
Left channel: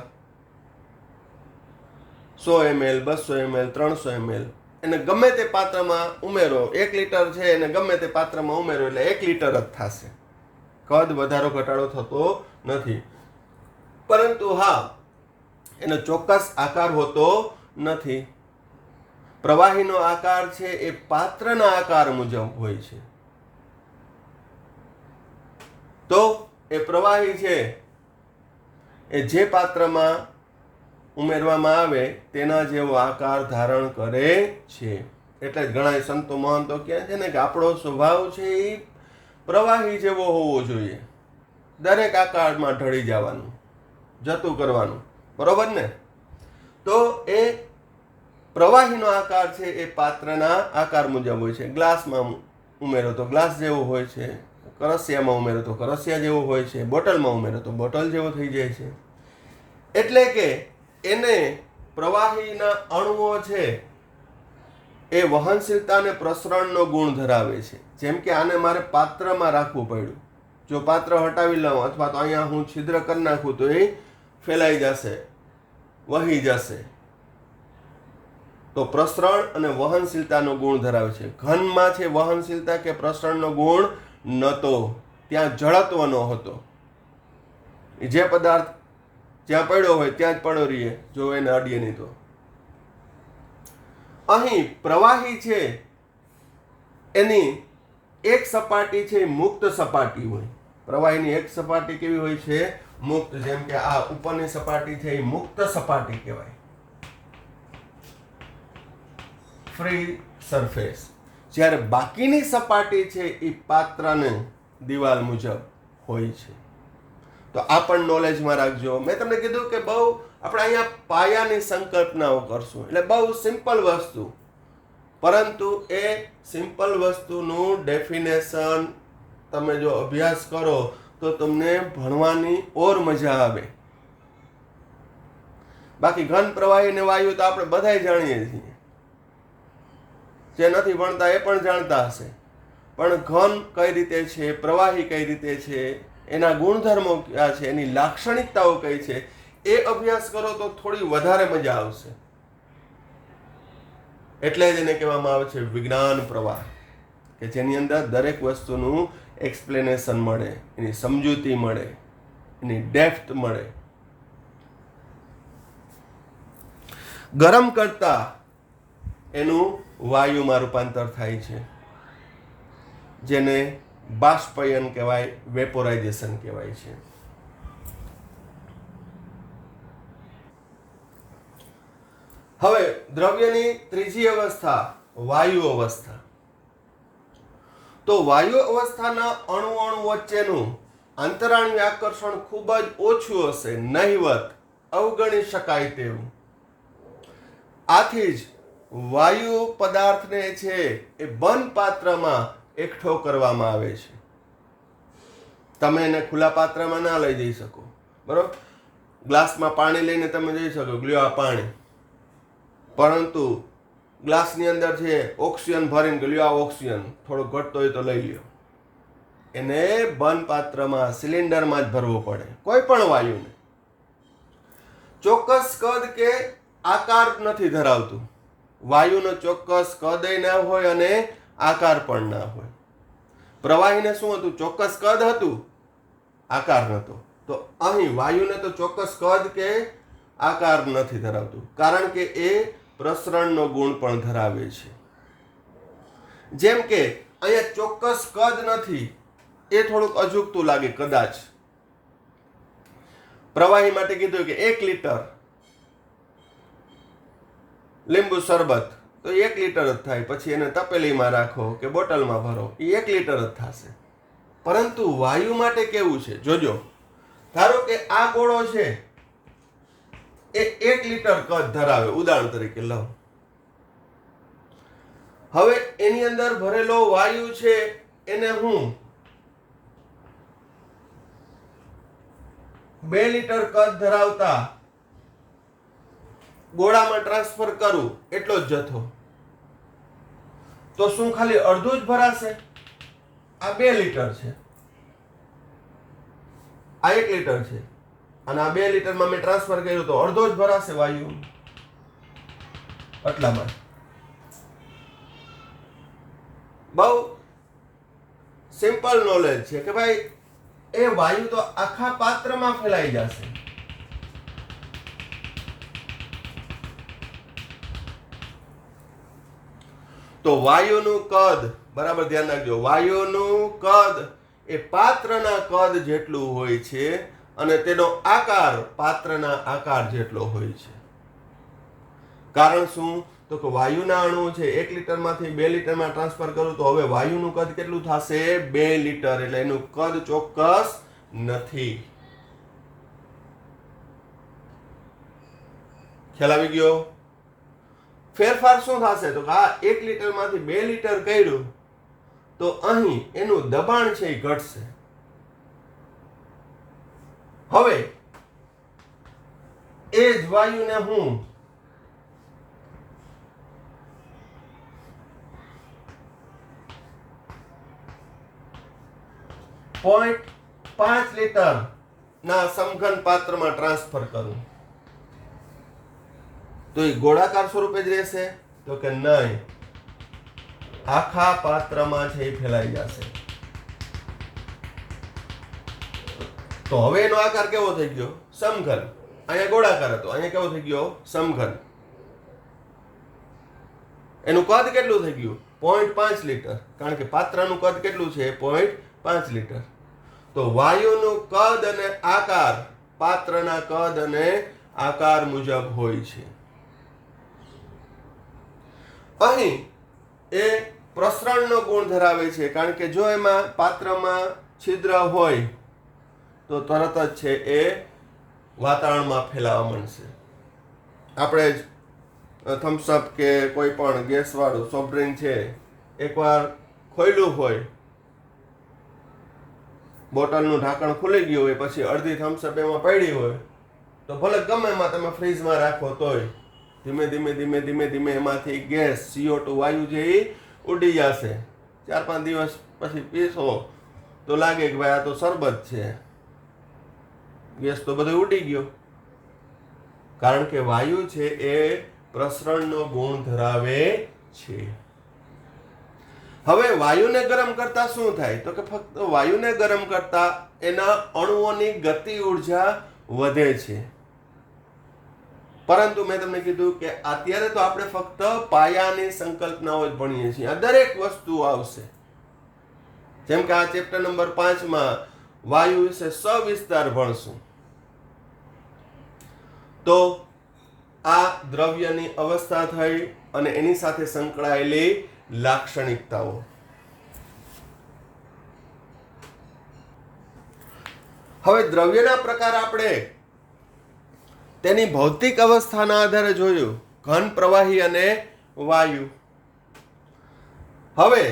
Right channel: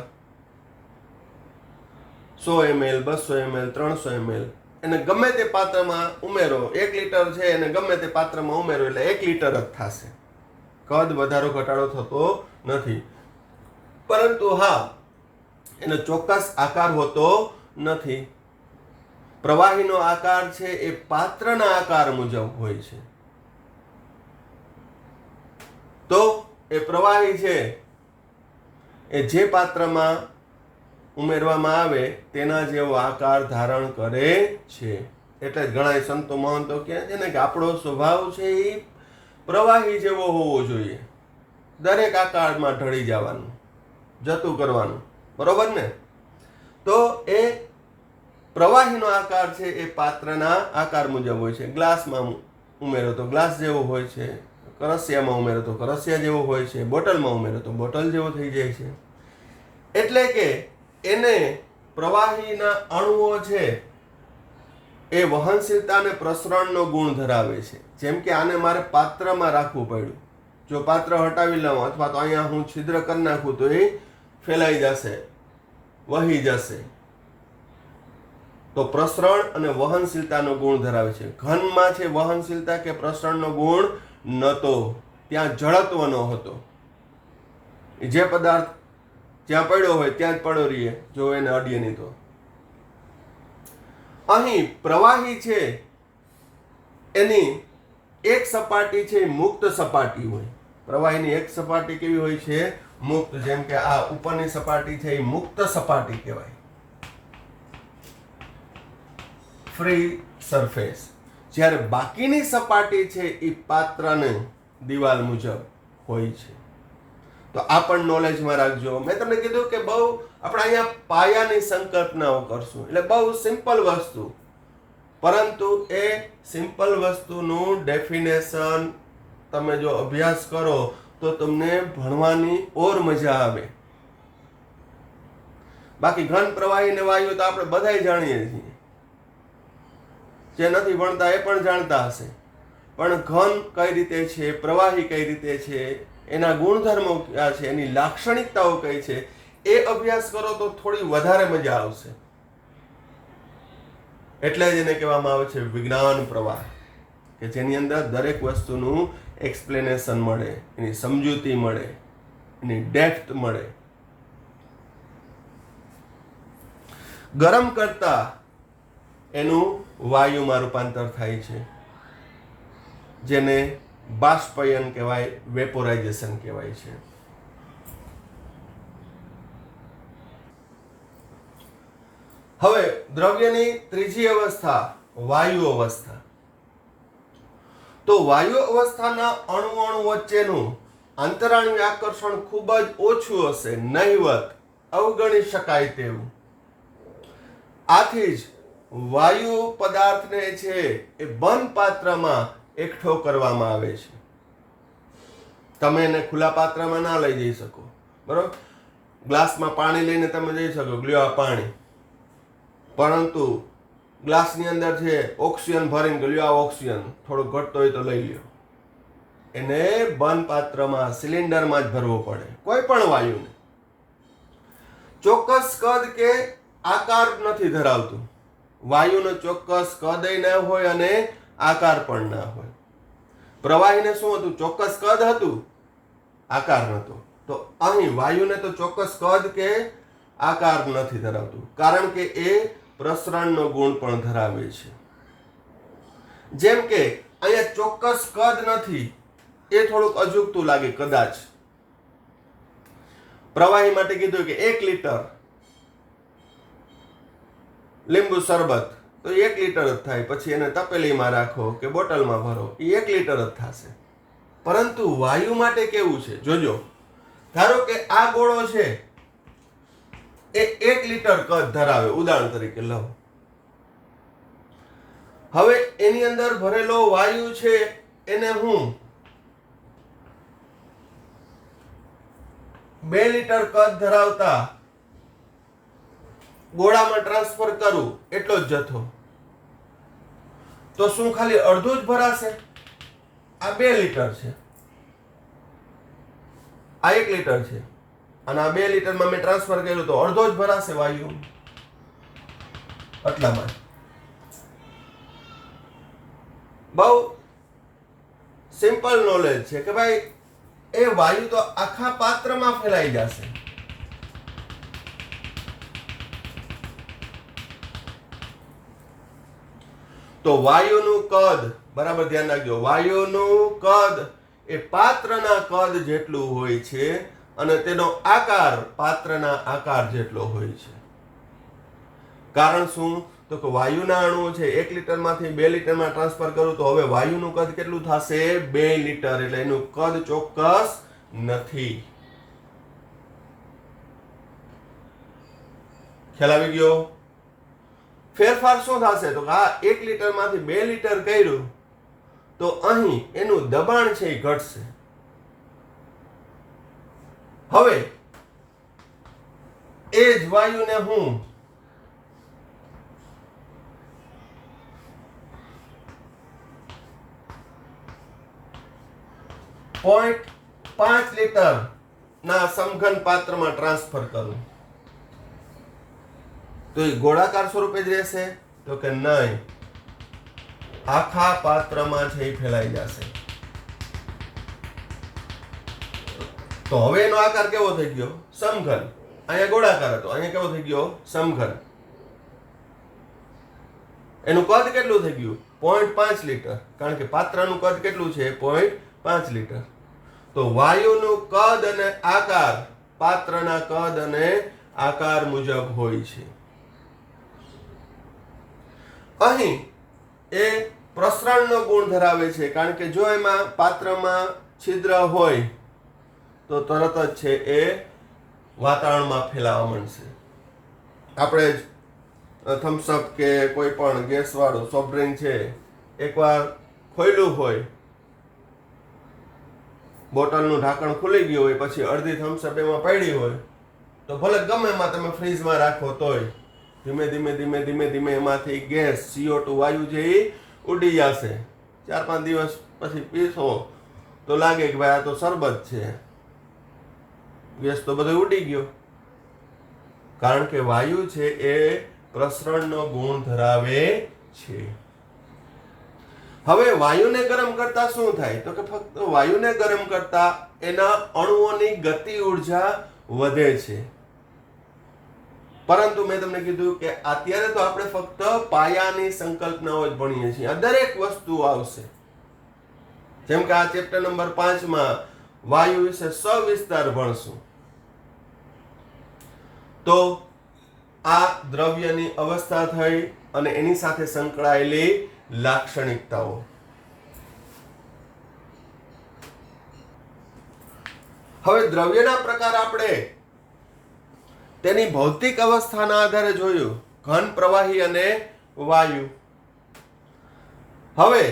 100 ml, 200 ml, 300 ml. એને ગમે તે પાત્રમાં ઉમેરો. 1 લીટર છે એને ગમે તે પાત્રમાં ઉમેરો એટલે 1 લીટર જ થશે. કદ વધારો ઘટાડો થતો નથી. પરંતુ હા, એનો ચોક્કસ આકાર હોતો નથી. પ્રવાહીનો આકાર છે એ પાત્રના આકાર મુજબ હોય છે. તો એ પ્રવાહી છે એ જે પાત્રમાં ઉમેરવામાં આવે તેના જેવો આકાર ધારણ કરે છે. એટલે જ ઘણા સંતો મહંતો કહે છે ને કે આપણો સ્વભાવ છે એ પ્રવાહી જેવો હોવો જોઈએ. દરેક આકારમાં ઢળી જવાનું, જતું કરવાનું. બરોબર ને? તો એ પ્રવાહીનો આકાર છે એ પાત્રના આકાર મુજબ હોય છે. ગ્લાસમાં ઉમેરો તો ગ્લાસ જેવો હોય છે, કરસિયામાં ઉમેરો તો કરસિયા જેવો હોય છે, બોટલમાં ઉમેરો તો બોટલ જેવો થઈ જાય છે. એટલે કે એને પ્રવાહીના અણુઓ છે એ વહનશીલતા અને પ્રસરણનો ગુણ ધરાવે છે. જેમ કે આને મારે પાત્રમાં રાખવું પડ્યું. જો પાત્ર હટાવી લઉં અથવા તો અહીંયા હું છિદ્ર કરી નાખું તો એ ફેલાઈ જશે, વહી જશે. તો પ્રસરણ અને વહનશીલતાનો ગુણ ધરાવે છે. ઘનમાં છે વહનશીલતા કે પ્રસરણનો ગુણ નહોતો, ત્યાં જડત્વનો હતો. જે પદાર્થ જ્યાં પડ્યો હોય ત્યાં જ પડ્યો રહીએ, જો એને અડીએ નહીં તો. અહીં પ્રવાહી છે એની એક સપાટી છે મુક્ત સપાટી હોય. પ્રવાહીની એક સપાટી કેવી હોય છે? મુક્ત. જેમ કે આ ઉપરની સપાટી છે એ મુક્ત સપાટી કહેવાય, ફ્રી સરફેસ. જ્યારે બાકીની સપાટી છે એ પાત્રની દિવાલ મુજબ હોય છે. તો આ પણ નોલેજમાં રાખજો. મેં તમને કીધું કે બહુ આપણે અહીંયા પાયાની સંકલ્પનાઓ કરશું, એટલે બહુ સિમ્પલ વસ્તુ, પરંતુ એ સિમ્પલ વસ્તુનું ડેફિનેશન તમે જો અભ્યાસ કરો તો તમને ભણવાની ઓર મજા આવે. બાકી ઘન, પ્રવાહી ને વાયુ તો આપણે બધાય જાણીએ છીએ, જે નથી ભણતા એ પણ જાણતા હશે. પણ ઘન કઈ રીતે છે, પ્રવાહી કઈ રીતે છે, એના ગુણધર્મો ક્યાં છે, એની લાક્ષણિકતાઓ કઈ છે, એ અભ્યાસ કરો તો થોડી વધારે મજા આવશે. એટલે જ એને કહેવામાં આવે છે વિજ્ઞાન પ્રવાહ, કે જેની અંદર દરેક વસ્તુનું એક્સપ્લેનેશન મળે, એની સમજૂતી મળે, એની ડેપ્થ મળે. ગરમ કરતા એનું વાયુમાં રૂપાંતર થાય છે. જેને બાષ્પયન કહેવાય, વેપોરાઇઝેશન કહેવાય છે. હવે દ્રવ્યની ત્રીજી અવસ્થા વાયુ અવસ્થા. તો વાયુ અવસ્થાના અણુ વચ્ચેનું આંતરાણુ આકર્ષણ ખૂબ જ ઓછું હશે, નહિવત, અવગણી શકાય તેવું. આથી જ વાયુ પદાર્થને છે એ બંધ પાત્રમાં એકઠો કરવામાં આવે છે. તમે એને ખુલ્લા પાત્રમાં ના લઈ જઈ શકો, બરોબર? ગ્લાસમાં પાણી લઈને તમે જઈ શકો, લ્યો આ પાણી, પરંતુ ગ્લાસની અંદર છે ઓક્સિજન ભરીને લ્યો આ ઓક્સિજન, થોડું ઘટતો હોય તો લઈ લ્યો. એને બંધ પાત્રમાં, સિલિન્ડરમાં જ ભરવો પડે. કોઈ પણ વાયુને ચોક્કસ કદ કે આકાર નથી ધરાવતું. વાયુનો ચોક્કસ કદ ના હોય અને આકાર પણ ના હોય. પ્રવાહીને શું હતું? ચોક્કસ કદ હતું, આકાર નહોતો. તો અહીં વાયુને તો ચોક્કસ કદ કે આકાર નથી ધરાવતું, કારણ કે એ પ્રસરણનો ગુણ પણ ધરાવે છે. જેમ કે અહીંયા ચોક્કસ કદ નથી, એ થોડુંક અજુગતું લાગે કદાચ. પ્રવાહી માટે કીધું કે 1 લીટર લીંબુ શરબત, તો 1 લીટર જ થાય. પછી એને તપેલીમાં રાખો કે બોટલમાં ભરો, એ 1 લીટર જ થશે. પરંતુ વાયુ માટે કેવું છે જોજો. ધારો કે આ ગોળો છે એ 1 લીટર કદ ધરાવે, ઉદાહરણ તરીકે લો. હવે એની અંદર ભરેલો વાયુ છે એને હું 2 લીટર કદ ધરાવતા ગોળામાં ટ્રાન્સફર કરું, એટલો જ જથ્થો, તો શું ખાલી અડધું જ ભરાશે? આ 2 લીટર છે, આ 1 લીટર છે, અને આ 2 લીટરમાં મેં ટ્રાન્સફર કર્યું તો અડધો જ ભરાશે વાયુ. એટલામાં બહુ સિમ્પલ નોલેજ છે કે ભાઈ એ વાયુ તો આખા પાત્રમાં ફેલાઈ જશે. તો વાયુનું કદ, બરાબર ધ્યાન રાખજો, વાયુનું કદ એ પાત્રના કદ જેટલું હોય છે અને તેનો આકાર પાત્રના આકાર જેટલો હોય છે. કારણ શું? તો કે વાયુના અણુ છે 1 લીટરમાંથી 2 લીટરમાં ટ્રાન્સફર કરું તો હવે વાયુનું કદ કેટલું થશે? 2 લીટર. એટલે એનું કદ ચોક્કસ નથી. ખ્યાલ આવી ગયો? ફેરફાર શું થશે? તો આ 1 લીટરમાંથી 2 લીટર કર્યું તો અહીં એનું દબાણ છે એ ઘટશે. હવે એ જ વાયુને હું 0.5 લીટર ના સમઘન પાત્રમાં ટ્રાન્સફર કરું તો એ ગોળાકાર સ્વરૂપે જ રહેશે? તો કે નહીં, આખા પાત્રમાં છે એ ફેલાઈ જશે. તો હવે એનો આકાર કેવો થઈ ગયો? સમઘન. અહીંયા ગોળાકાર હતો, અહીંયા કેવો થઈ ગયો? સમઘન. એનું કદ કેટલું થઈ ગયું? 0.5 લીટર. કારણ કે પાત્રનું કદ કેટલું છે? 0.5 લીટર. તો વાયુનું કદ અને આકાર પાત્રના કદ અને આકાર મુજબ હોય છે. અહીં એ પ્રસરણનો ગુણ ધરાવે છે, કારણ કે જો એમાં પાત્રમાં છિદ્ર હોય તો તરત જ છે એ વાતાવરણમાં ફેલાવા માંડશે. આપણે થમ્સઅપ કે કોઈ પણ ગેસવાળું સોફ્ટ ડ્રિંક છે, એકવાર ખોલ્યું હોય, બોટલનું ઢાંકણ ખુલી ગયું હોય, પછી અડધી થમ્સઅપ એમાં પડી હોય, તો ભલે ગમે એમાં તમે ફ્રીજમાં રાખો તોય ધીમે ધીમે ધીમે ધીમે ધીમે એમાંથી ગેસ CO2 વાયુ છે એ ઉડી જશે. 4-5 દિવસ પછી પીશો તો લાગે કે ભાઈ આ તો શરબત છે, ગેસ તો બધો ઉડી ગયો. કારણ કે વાયુ છે એ પ્રસરણનો ગુણ ધરાવે છે. હવે વાયુને ગરમ કરતા શું થાય? તો કે ફક્ત વાયુને ગરમ કરતા એના અણુઓની ગતિ ઉર્જા વધે છે. પરંતુ મેં તમને કીધું કે અત્યારે તો આપણે ફક્ત પાયાની સંકલ્પનાઓ જ ભણીએ છીએ. આ દરેક વસ્તુ આવશે. જેમ કે આ ચેપ્ટર નંબર 5 માં વાયુ વિશે સવિસ્તાર ભણશું. તો આ દ્રવ્યની અવસ્થા થઈ અને એની સાથે સંકળાયેલી લાક્ષણિકતાઓ. હવે દ્રવ્યના પ્રકાર આપણે તેની ભૌતિક અવસ્થાના આધારે જોયું, ઘન, પ્રવાહી અને વાયુ. હવે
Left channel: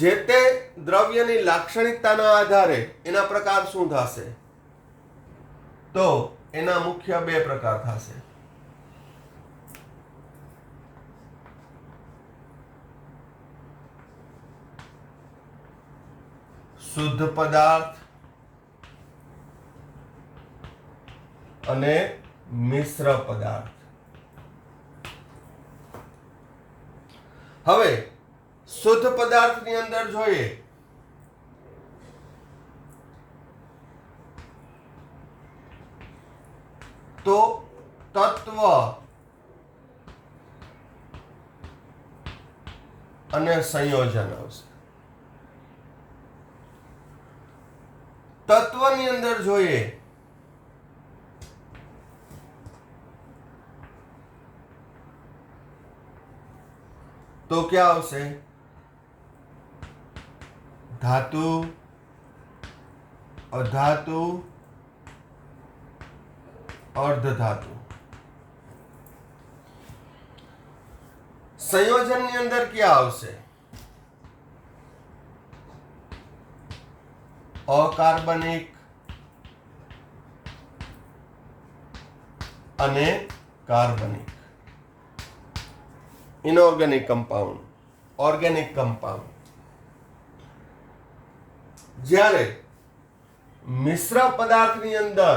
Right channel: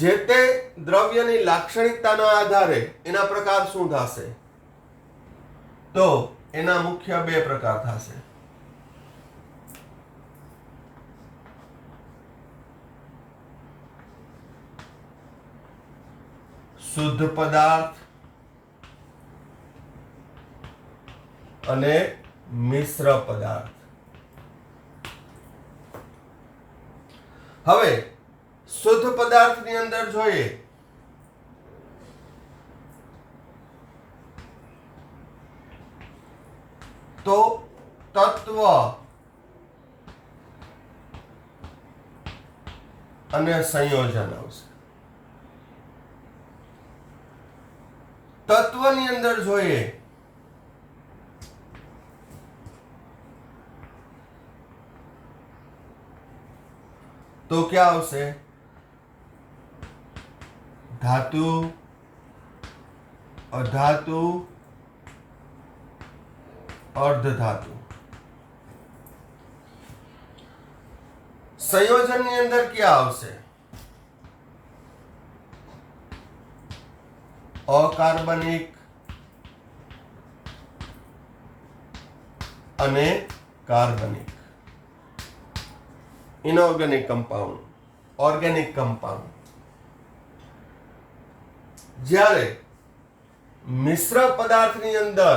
જે તે દ્રવ્યની લાક્ષણિકતાના આધારે એના પ્રકાર શું થશે? તો એના મુખ્ય બે પ્રકાર થશે. શુદ્ધ પદાર્થ અને મિશ્ર પદાર્થ. હવે શુદ્ધ પદાર્થની અંદર જોઈએ તો તત્વ અને સંયોજન આવશે. તત્વની અંદર જોઈએ તો ક્યાં આવશે? ધાતુ, અધાતુ, અર્ધધાતુ. સંયોજનની અંદર ક્યાં આવશે? અકાર્બનિક અને કાર્બનિક. Inorganic compound, organic compound. જ્યારે મિશ્ર પદાર્થની અંદર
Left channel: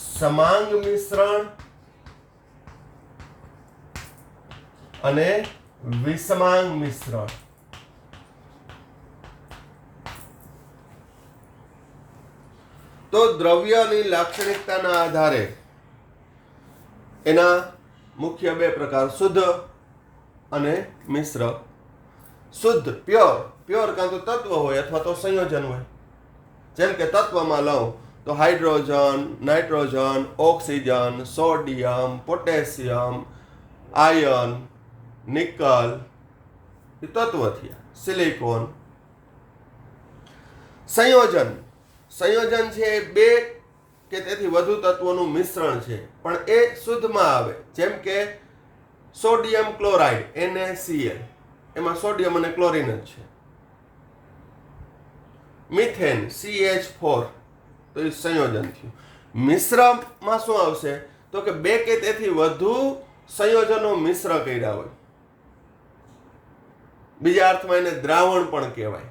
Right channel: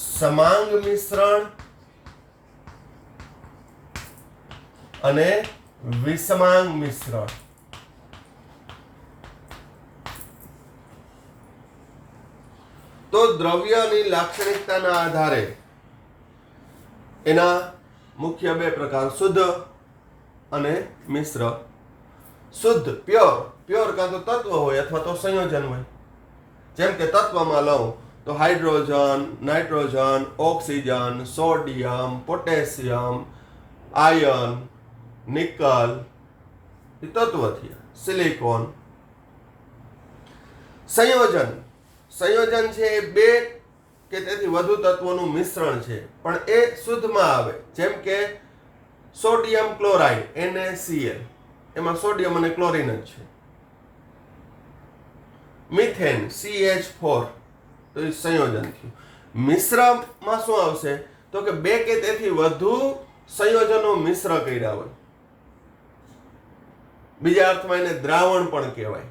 સમાંગ મિશ્રણ અને વિષમાંગ મિશ્રણ. તો દ્રવ્યની લાક્ષણિકતાના આધારે એના મુખ્ય બે પ્રકાર, શુદ્ધ અને મિશ્ર. શુદ્ધ પ્યોર કાં તો તત્વ હોય અથવા તો સંયોજન હોય. જેમ કે તત્વમાં લઉં તો hydrogen, nitrogen, oxygen, sodium, potassium, iron, nickel એ તત્વ થયા. સિલિકોન. સંયોજન છે એ બે કે તેથી વધુ તત્વોનું મિશ્રણ છે, પણ એ શુદ્ધમાં આવે. જેમ કે સોડિયમ ક્લોરાઇડ NaCl, એમાં સોડિયમ અને ક્લોરીન જ છે. મિથેન CH4, તો એ સંયોજન થયું. મિશ્રમાં શું આવશે? તો કે બે કે તેથી વધુ સંયોજનો મિશ્ર કર્યા હોય. બીજા અર્થમાં એને દ્રાવણ પણ કહેવાય.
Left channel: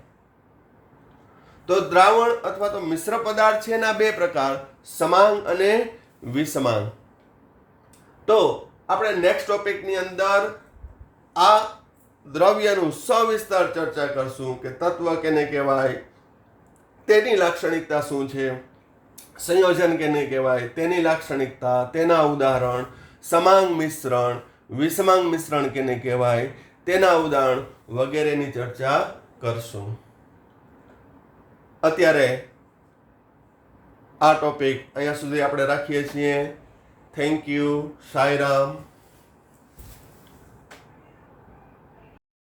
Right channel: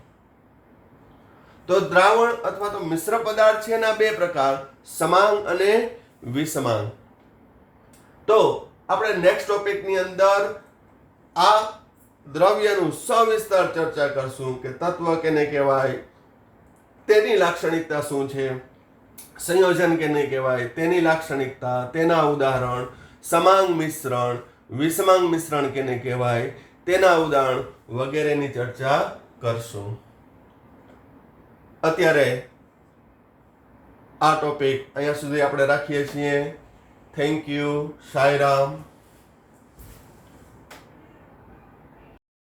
તો દ્રાવણ અથવા તો મિશ્ર પદાર્થ છે એના બે પ્રકાર, સમાંગ અને વિષમાંગ. તો આપણે નેક્સ્ટ ટોપિકની અંદર આ દ્રવ્યનું સવિસ્તાર ચર્ચા કરશું કે તત્વ કેને કહેવાય, તેની લાક્ષણિકતા શું છે, સંયોજન કેને કહેવાય, તેની લાક્ષણિકતા, તેના ઉદાહરણ, સમાંગ મિશ્રણ, વિષમાંગ મિશ્રણ કેને કહેવાય, તેના ઉદાહરણ વગેરેની ચર્ચા કરશું. અત્યારે આ ટોપિક અહીંયા સુધી આપણે રાખીએ છીએ. Thank you. સાંઈરામ.